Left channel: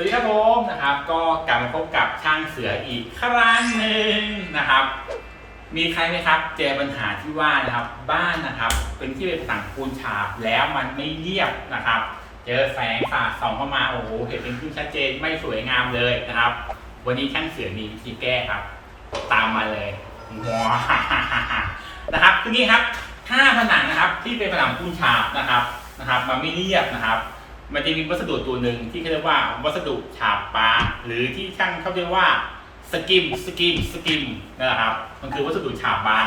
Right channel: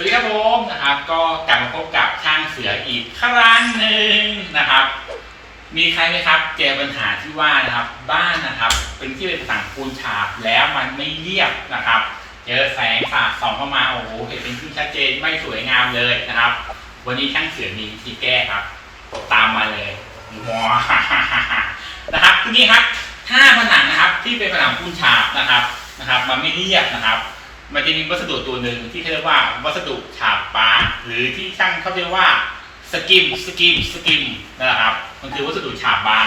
สวัสดีครับผมนะครับ ก็กลับมาพบกับช่างเสืออีกครั้งหนึ่งนะครับ มีใครไหมครับเจอปัญหาที่ว่านะครับ บ้านนะครับ เป็นที่เป็นผนังปูนฉาบแล้วมันไม่เรียบนะครับ เจอแสงสาดส่องเข้ามาโอ้โหเห็นเป็นขึ้นชัดเจนไม่สวยงามเลยนะครับ วันนี้ช่างเสือมีวิธีแก้ครับ ตามมาเลยว้านะครับทีนี้ครับถ้าผนังนะครับ ที่เป็นผนังปูนฉาบนะครับนะครับ มันไม่เรียบนะครับ มันจะมีวัสดุตัวหนึ่งที่เขาเรียกว่าวัสดุฉาบบางหรือที่ช่างเขาเรียกว่าสกิมสกิมสกิมนั่นแหละครับ มันคือวัสดุฉาบบาง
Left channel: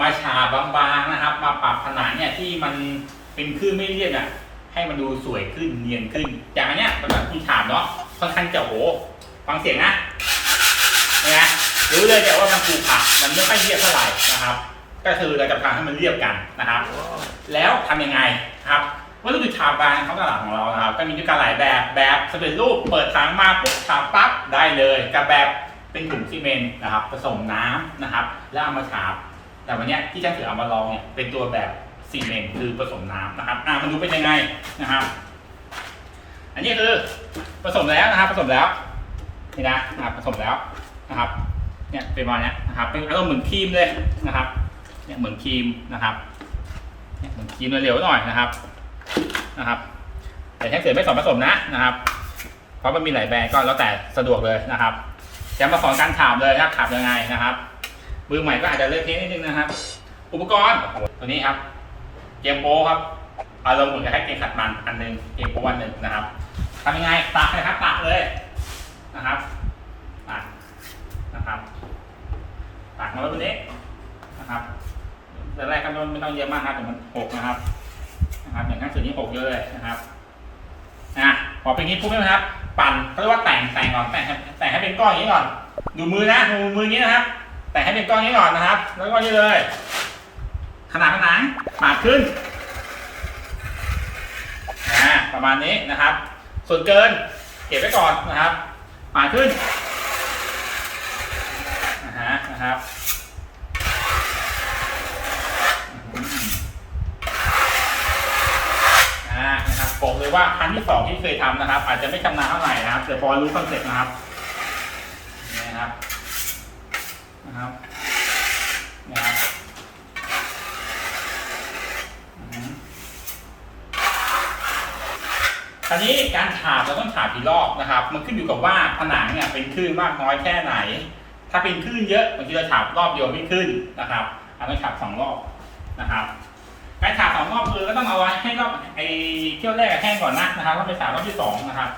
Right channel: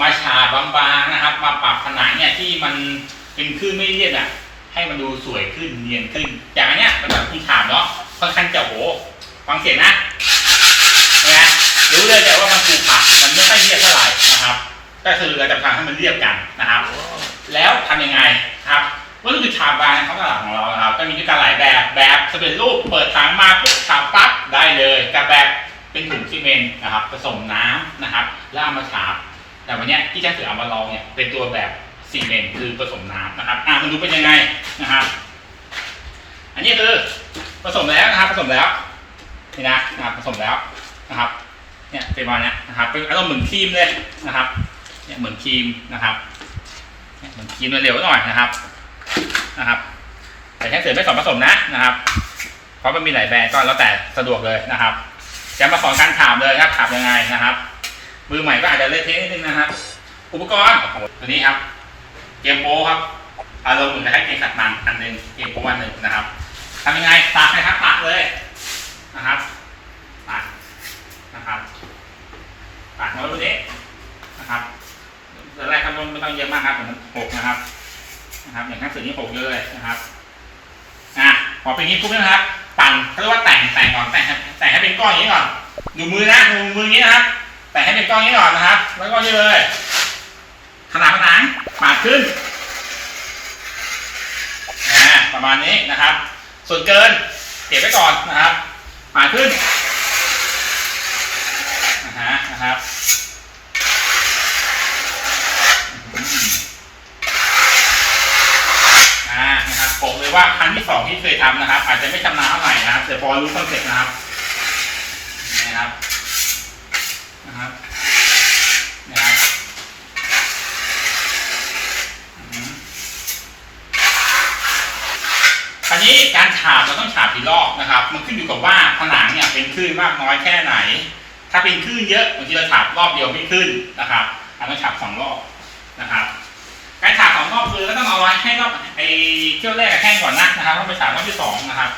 มาฉาบบางๆนะครับ มาปรับผนังเนี่ยที่มันเป็นคลื่นไม่เรียบอะ ให้มันดูสวยขึ้นเนียนขึ้น อย่างอันเนี้ยมันแบบคุณฉาบเนาะค่อนข้างจะโหฟังเสียงนะเนี่ยรู้เลยแต่ว่ามันปูผักมันไม่ค่อยเรียบเท่าไหร่นะครับ ก็คือเราจะทำให้มันเรียบกันนะครับ แล้วทำยังไงครับ วัสดุฉาบบางในท้องตลาดของเรานะครับก็มีด้วยกันหลายแบบแบบสำเร็จรูปเปิดถังมาปุ๊บฉาบปั๊บได้เลยกับแบบเป็นถุงซีเมนต์นะครับผสมน้ำนะครับ แล้วเอามาฉาบ แต่วันนี้ที่ช่างเสือเอามาลองเนี่ยเป็นตัวแบบซีเมนต์คือผสมน้ำนะครับอะมันดูเป็นยังไงนะครับอันนี้คือผสมแล้วนะครับ ผสมแล้วนี่นะนะครับผสมแล้วนะครับ เนี่ยเป็นมาณนี้นะครับ เป็นอารมณ์เหมือนครีมเลยนะครับ เนี่ยเหมือนครีมนะครับเนี่ยเหมือนครีมเร็วๆหน่อยนะครับ นะครับ แต่ช่งเสือไม่สอนผสมนะนะครับ เพราะมันมีหลายแบรนด์ก็แล้วแต่สะดวกเลยนะครับจะมาสอนการถามเลยนะครับถามยังไงนะครับ มือใหม่ก็อาจจะเละเทะนิดนึงนะครับ อุปกรณ์ตัวนี้ครับ เกมโป้ครับอารมณ์เหมือนให้เกมขัดมันอันหนึ่งเกมโป้อันหนึ่งนะครับทำยังไงตักเลยครับตักเลยนะครับตักนะครับตักมาไว้บนนี้นะครับแต่แรกครับไม่ต้องเยอะมากครับเดี๋ยวมันหกนะครับ นะครับอย่างนั้นสื่อนี้หกเลยนะครับอะพอเป็นงนี้ปุ๊บนะครับ ปั่นเขาเรียกว่าแต่งแต่งก่อนแต่งให้แต่งให้เป็นก้อนอย่างนี้ก่อน ดูมือนะดูมืออย่างนี้นะครับ แต่งให้เป็นก้อนอย่างนี้ก่อนนะครับ แล้วก็นี่เลยขนาดผนังปาดขึ้นอ่าประมาณนี้นะครับ ส่วนเกินเก็บไว้ก่อนนะครับปาดขึ้นนะฮะนะครับอืมอ่านะครับบอกเลย ว่าครั้งที่สองที่เคยทำนะครับ อาจจะไม่ชำนาญเท่าไหร่นะครับแต่พอรู้คอนเซ็ปต์นะครับนี่นะครับนะครับนะครับคราวนี้การฉาบเราต้องฉาบกี่รอบนะครับ มันขึ้นอยู่กับว่าผนังเนี่ยเป็นคลื่นมากน้อยแค่ไหน ถ้าเป็นคลื่นเยอะบางทีเราฉาบรอบเดียวไม่ขึ้นนะครับเราต้องฉาบสองรอบนะครับ ให้รอบไอ้เที่ยวแรกแห้งก่อนนะนะครับต้องไปฉาบรอบที่สองนะครับ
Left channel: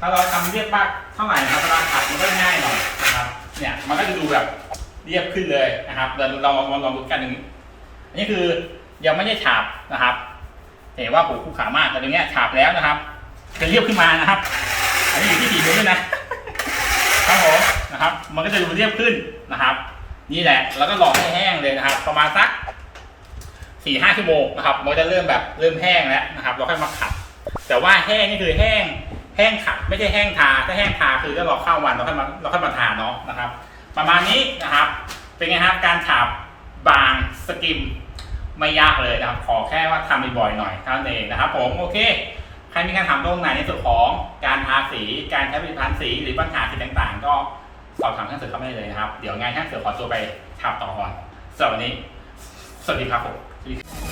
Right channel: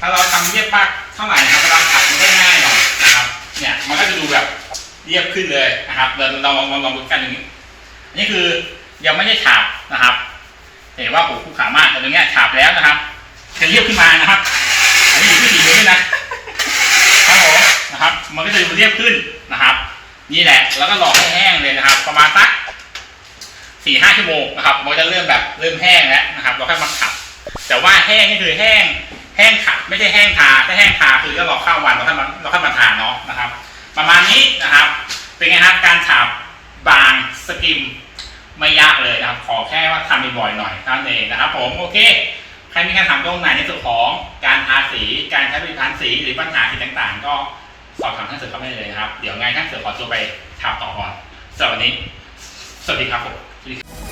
ถ้าเราทำเรียบมากเท่าไหร่นะครับเวลาขัดมันก็ง่ายหน่อยนะครับ เนี่ยมันก็จะดูแบบเรียบขึ้นเลยนะครับเราเราลองลองลองดูกันอย่างนี้อันนี้คือยังไม่ได้ฉาบนะครับ เห็นว่าผมคู่ขามากแต่ตรงเนี้ยฉาบแล้วนะครับจะเรียบขึ้นมานะครับ อันนี้อยู่ที่ฝีมือด้วยนะครับผมนะครับ มันก็จะดูเรียบขึ้นนะครับ นี่แหละ แล้วก็รอให้แห้งเลยนะครับ ประมาณสักสี่ห้าชั่วโมงนะครับ มันจะเริ่มแบบเริ่มแห้งแล้วนะครับ เราค่อยมาขัด แต่ว่าแห้งนี่คือแห้ง แห้งขัดไม่ใช่แห้งทา ถ้าแห้งทาคือก็รอข้าววันเราค่อยมาเราค่อยมาทาเนาะนะครับ ประมาณนี้นะครับ เป็นไงครับการฉาบบางสกิมไม่ยากเลยนะครับ ขอแค่ว่าทำบ่อยๆหน่อยเท่านั้นเองนะครับ ผมโอเคใครมีคำถามตรงไหนในส่วนของการทาสี การใช้ผลิตภัณฑ์สีหรือปัญหาสีต่างๆ ก็ สอบถามท่านเสือเข้ามาได้เลยนะครับ เดี๋ยวไงท่านเสือขอตัวไปทำต่อก่อนสำหรับวันนี้ สวัสดีครับผมสวัสดีครับ